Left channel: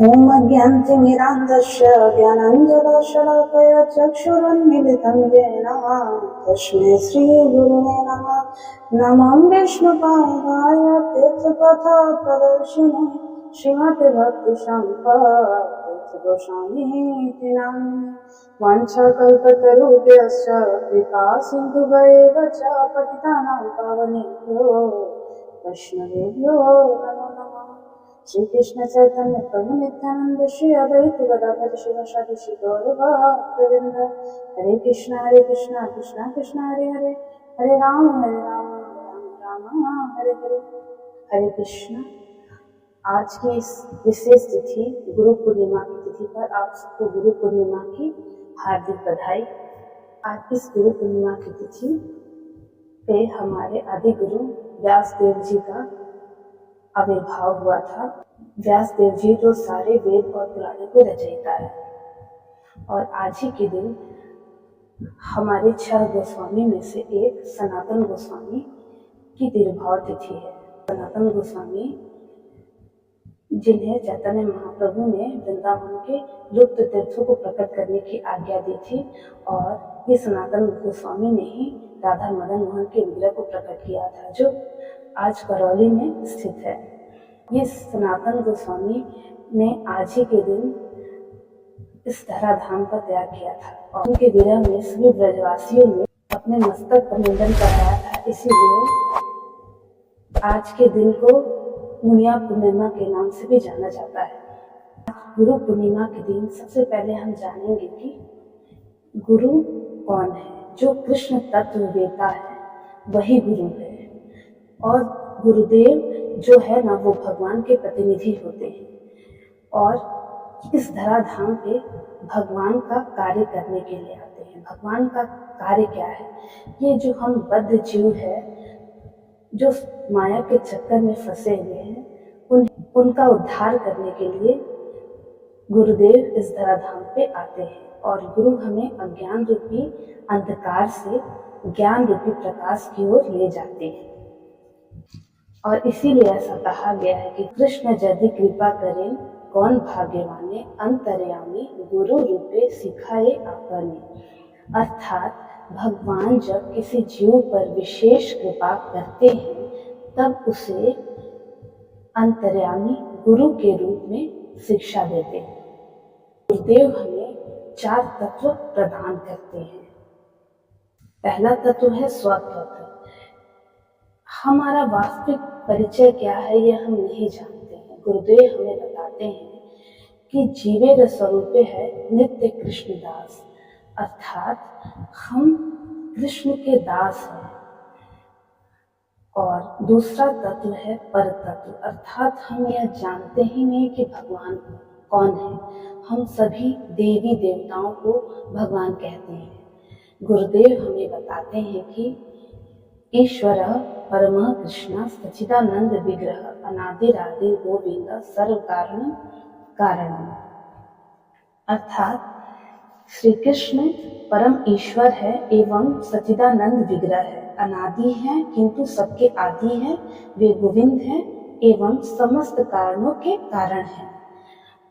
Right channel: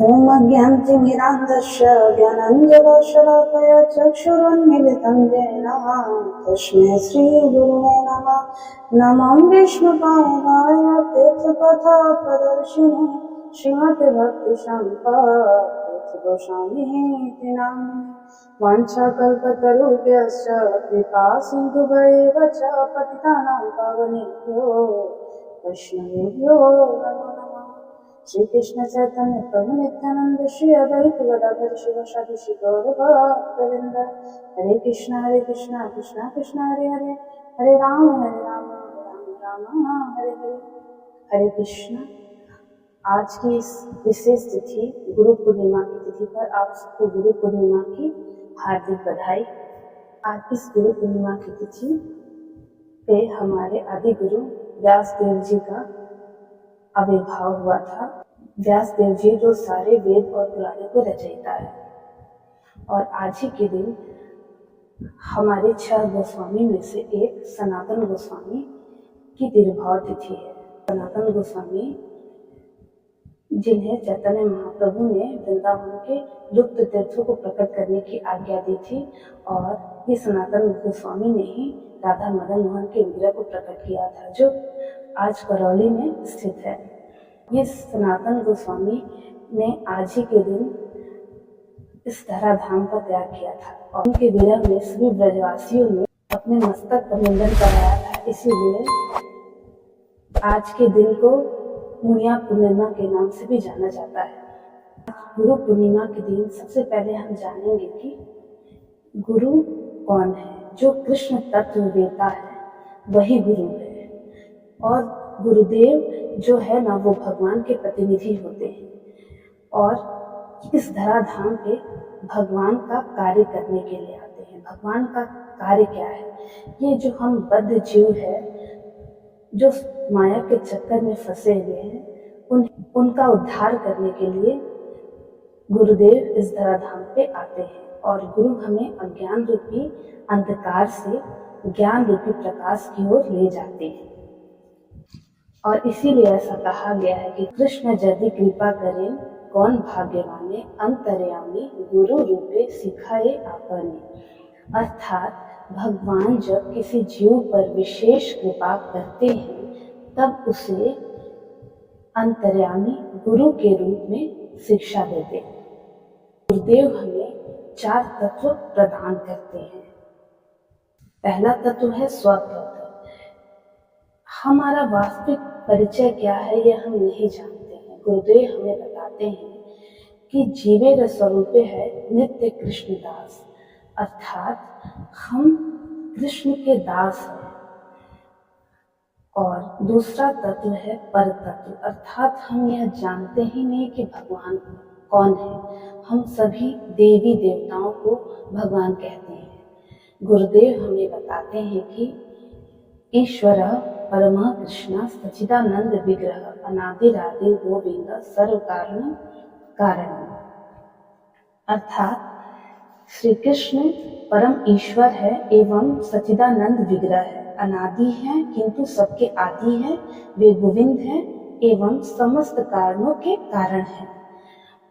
ॐ अज्ञानतिमिरान्धस्य ज्ञानाञ्जनशलाकया चक्षुरुन्मीलितं येन तस्मै श्रीगुरुवे नमः। नमो विष्णुपादाय तीर्थपथप्रदर्शिने श्रीमते भक्तिसम्पदतीर्थगोस्वामीति नामिने। वाञ्छाकल्पतरुभ्यश्च कृपा सिन्धुभ्येव च पतितानां पावनेभ्यो वैष्णवेभ्यो नमो नमः। श्री कृष्ण चैतन्य प्रभु नित्यानंद श्री अद्वैत गदाधर शिवासादि श्री गौर भक्तवृंद। हरे कृष्णा कृष्णा कृष्णा हरे हरे, हरे राम राम राम हरे हरे। हरे कृष्णा। आज की इस विशेष तिथि गुरु पूर्णिमा की तिथि पर आप सबको गुरु पूर्णिमा की हार्दिक बधाई। आज इस गुरु पूर्णिमा की तिथि पे हमारे आदि गुरु व्यास देव जी का आविर्भाव हुआ था। व्यास देव जी जो सारे वेद और पुराणों को रचयिता है। और आज ही के दिन हमारे 6 गोस्वामी में से एक सनातन गोस्वामी की तिरुभाव तिथि है। सनातन गोस्वामी जिन्हें चैतन्य महाप्रभु ने वृंदावन के लुप्त तीर्थों को प्रकट करने की आज्ञा दी थी, और ये सनातन गोस्वामी ने ही राधा मदन मोहन के विग्रह को प्रकट किया था, जो आज करौली में स्थित है। ये सनातन गोस्वामी ने आज ही के दिन इस धराधाम का त्याग किया था, और उनके विरह में सभी ब्रजवासियों ने अपने मस्तक पर मुंडन कराया था। इसीलिए आज के दिन को मुनिया पूर्णिमा के नाम से भी जाना जाता है। गुरु पूर्णिमा के दिन सबसे पहले हम जानेंगे कि गुरु कौन है। जो कृष्ण तत्व वेता है वही गुरु है, और गुरुदेव जो है ना, वो भगवान के प्रतिनिधि होते हैं, और इस धराधाम पे भगवान का कार्य करने के लिए आते हैं। भगवान का कार्य क्या है? ये जो हम बद्ध जीव है, जो माया के चक्कर में फंसे हुए हैं, उनका उद्धार करने के लिए गुरुदेव इस धराधाम पे आते हैं। और गुरु हमें अज्ञान रूपी अंधकार से ज्ञान रूपी प्रकाश की ओर ले जाते हैं। और इसीलिए ऐसा कहा गया है कि कृष्ण यदि कृपा करें कौन भाग्यवाने, अंतर्यामी गुरु रूपे सिखाए आपने। अर्थात भगवान जब किसी जीव पर विशेष कृपा करते हैं तब उसे अंतर्यामी गुरु के रूप में शिक्षा देते हैं। गुरुदेव हमें 4 तत्व प्रदान करते हैं। पहला तत्व है स्वतत्व। हमारा वास्तविक परिचय क्या है यह हम नहीं जानते हैं। गुरुदेव हमें बताते हैं कि जीवेर स्वरूपे है नित्य कृष्ण दास, अर्थात हम कृष्ण के दास हैं। और दूसरा तत्व है पर तत्व, अर्थात हम यह जानते ही नहीं कि भगवान कौन है। हम सभी देवी देवताओं को भगवान कहते हैं। गुरुदेव हमें बताते हैं कि ईश्वर परमः कृष्ण सच्चिदानंद विग्रह अनादिरादि गोविंद सर्व कारणम। अर्थात श्री कृष्ण परम ईश्वर है एवं सच्चिदानंद विग्रह है, अनादि है किंतु सबके आदि है, वे गोविंद हैं एवं समस्त कारणों के कारण हैं।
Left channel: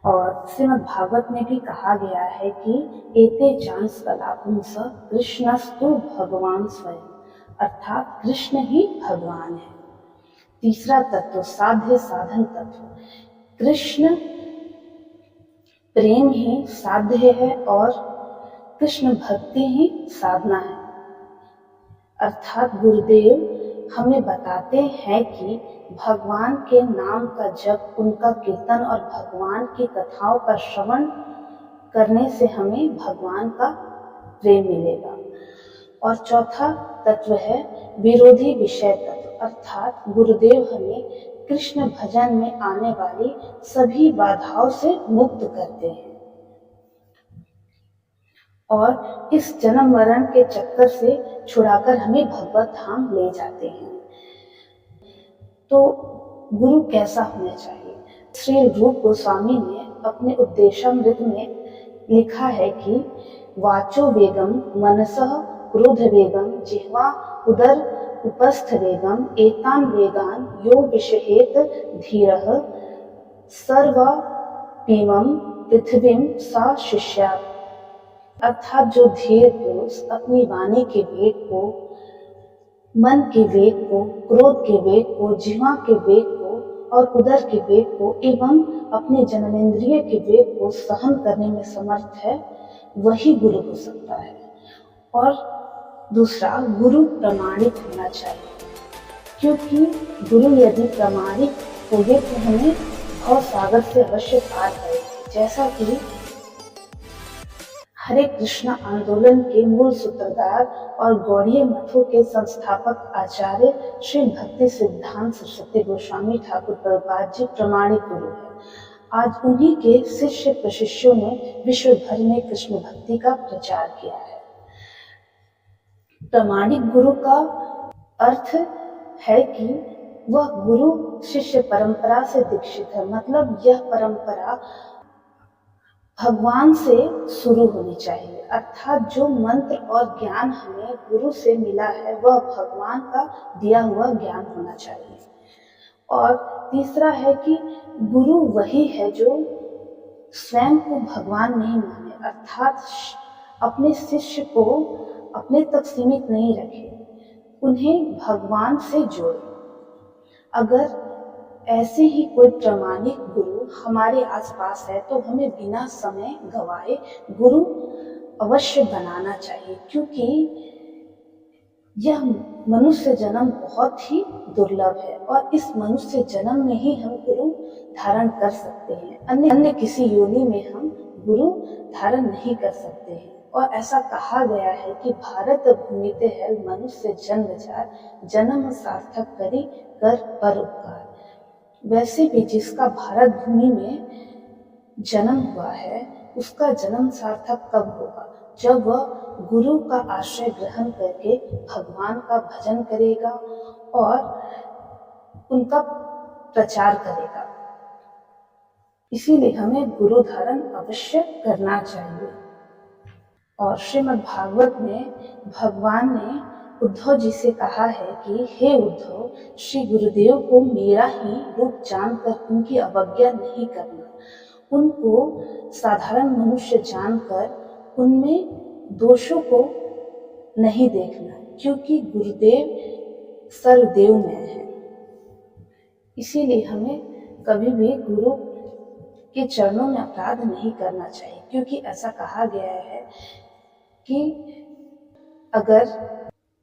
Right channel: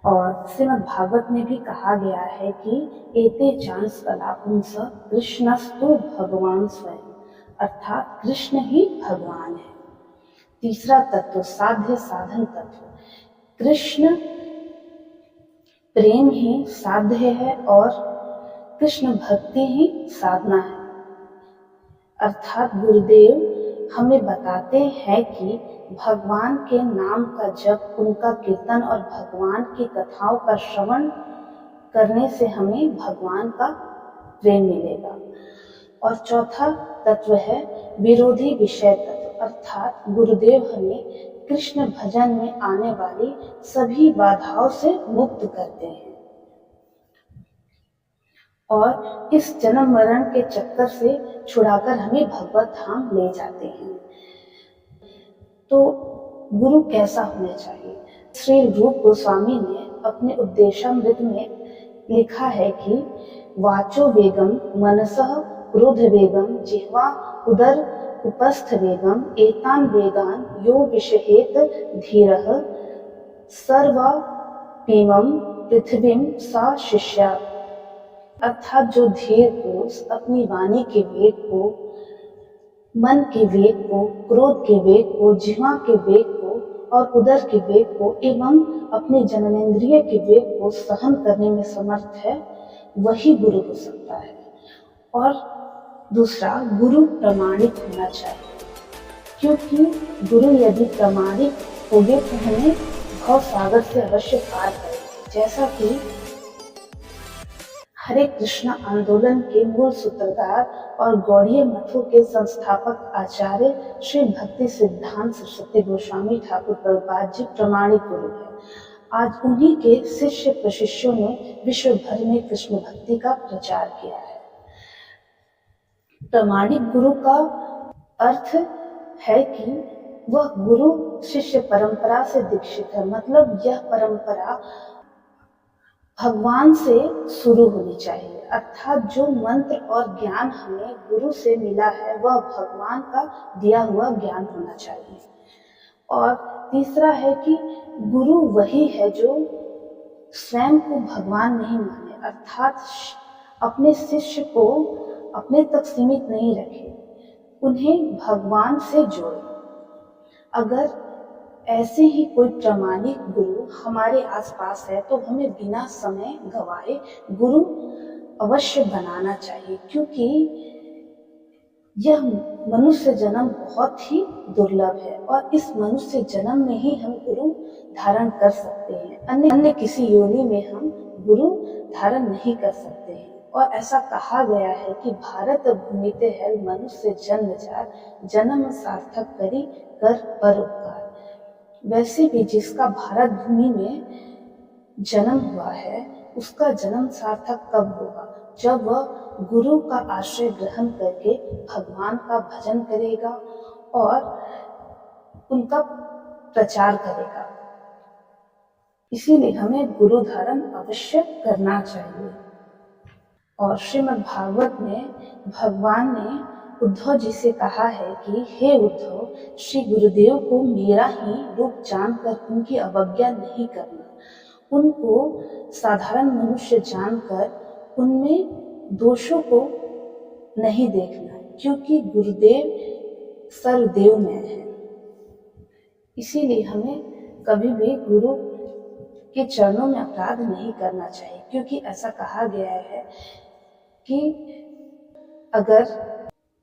और श्रीमद् भागवत में भी कहा गया है कि एते चांस कलापुंस कृष्णस्तु भगवान स्वयं, अर्थात कृष्ण ही भगवान है। तीसरा तत्व साध्य साधन तत्व। कृष्ण प्रेम ही साध्य है और कृष्ण भक्ति ही साधना है। अर्थात गुरुदेव हमें बताते हैं कि भगवान के नाम का जप, उनका कीर्तन और भगवान की कथाओं का श्रवण करने से हमें भगवान का प्रेम मिलेगा। और चौथा तत्व है विरोधी विषय तत्व, अर्थात गुरुदेव हमें कृष्ण भजन में आने वाली सभी बाधाओं से मुक्त करते हैं और इस जन्म मरण के चक्कर से छुड़ाकर हमें भगवत धाम ले जाते हैं। तो गुरु कैसा होना चाहिए? श्री रूप गोस्वामी ने अपने उपदेशामृत में लिखा है कि वाचो वेगम मनसः क्रोध वेगम जिह्वा उदर उपस्थ वेगम एतान वेगान यो विषहेत धीरः सर्व पीमम पृथ्वीम सा शिष्या, अर्थात जो धीर पुरुष अपनी वाणी के वेग को, मन के वेग को, क्रोध के वेग को, जिह्वा के वेग को और उदर के वेग को एवं अपने जननेंद्रिय के वेग को सहन करने में समर्थ है, वही गुरु हो सकता है। और दूसरा, गुरु प्रमाणिक होना चाहिए, क्योंकि गुरु यदि प्रमाणिक होगे तो हमें भव सागर से अवश्य पार करेंगे। जैसा कि हरे कृष्ण आंदोलन के मूल सूत्रधार और गौड़ीय मठों के संस्थापक आचार्य श्री भक्ति सिद्धांत सरस्वती गोस्वामी ठाकुर प्रभुपाद जी प्रमाणिक गुरु है। आज उन्हीं के शिष्य प्रशिष्यों ने विश्व भर में कृष्ण भक्ति का प्रचार किया है। प्रमाणिक गुरु का अर्थ है कि वह गुरु शिष्य परंपरा से दीक्षित है, मतलब यह परंपरा भगवान से शुरू होनी चाहिए, अर्थात जो मंत्र और ज्ञान हमें गुरु से मिला है वह भगवान का दिया हुआ ज्ञान होना चाहिए। और तीसरा है कि गुरु वही है जो स्वयं को भगवान नहीं माने, अर्थात अपने शिष्य को अपने तक सीमित नहीं रखे, उन्हें भगवान से जोड़े। अगर ऐसे ही कोई प्रामाणिक गुरु हमारे आसपास है तो हमें बिना समय गवाए गुरु अवश्य बनाना चाहिए, क्योंकि यह मनुष्य जन्म बहुत ही दुर्लभ है और इस मनुष्य जन्म में ही हम गुरु धारण कर सकते हैं, अन्य किसी योनि में हम गुरु धारण नहीं कर सकते हैं। और ऐसा कहा गया है कि भारत भूमिते है मनुष्य जन्म जार, जन्म सार्थक करी कर परोपकार। वैसे भी जिसका भारत भूमि में जन्म हुआ है उसका जन्म सार्थक कब होगा? जब वह गुरु का आश्रय ग्रहण करके भगवान का भजन करेगा और उनका प्रचार करेगा। इसीलिए हमें गुरु धारण अवश्य करना चाहिए। और श्रीमद् भागवत में भगवान ने उद्धव जी से कहा है कि हे उद्धव, श्री गुरुदेव को मेरा ही रूप जानकर उनकी अवज्ञा नहीं करना, उनको साधारण मनुष्य जानकर उनमें दोषों को नहीं देखना, क्योंकि गुरुदेव सर्वदेवमय है। इसीलिए हमें कभी भी गुरु के चरणों में अपराध नहीं करना चाहिए, क्योंकि ऐसा कहा गया है कि अगर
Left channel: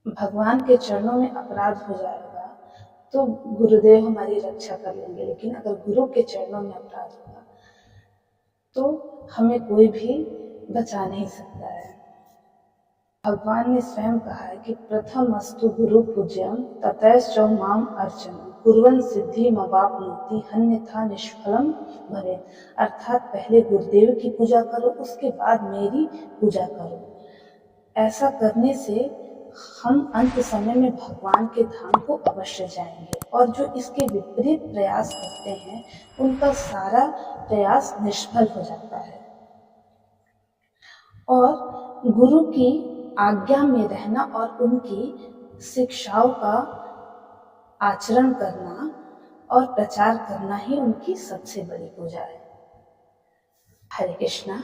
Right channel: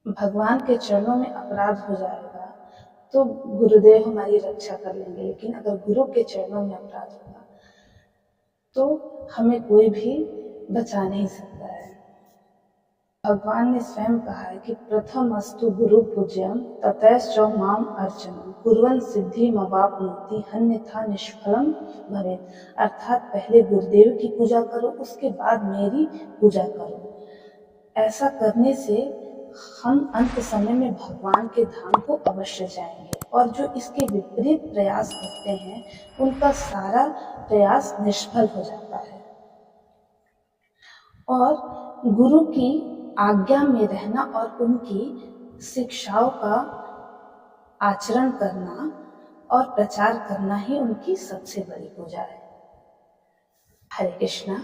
भगवान के चरणों में अपराध हो जाएगा तो गुरुदेव हमारी रक्षा कर लेंगे, लेकिन अगर गुरु के चरणों में अपराध होगा तो हमें कोई भी बचा नहीं सकता है। भगवान ने स्वयं कहा है कि प्रथम अस्तु गुरु पूज्यम ततश्च माम अर्चनम कुर्वन् सिद्धि मवाप्नोति अन्यथा निष्फलम भवेत्, अर्थात पहले गुरुदेव की पूजा करो उसके बाद मेरी पूजा करो। ऐसा करने से हम अंत समय में भगवान के धाम को अवश्य जाएंगे, और जो इसके विपरीत प्रयास करते हैं उनका सारा प्रयास निष्फल हो जाता है। और गुरु की आज्ञा में रहना और उनकी शिक्षाओं का आचरण करना और प्रचार करना ही उनकी सबसे बड़ी पूजा है। हरे कृष्णा।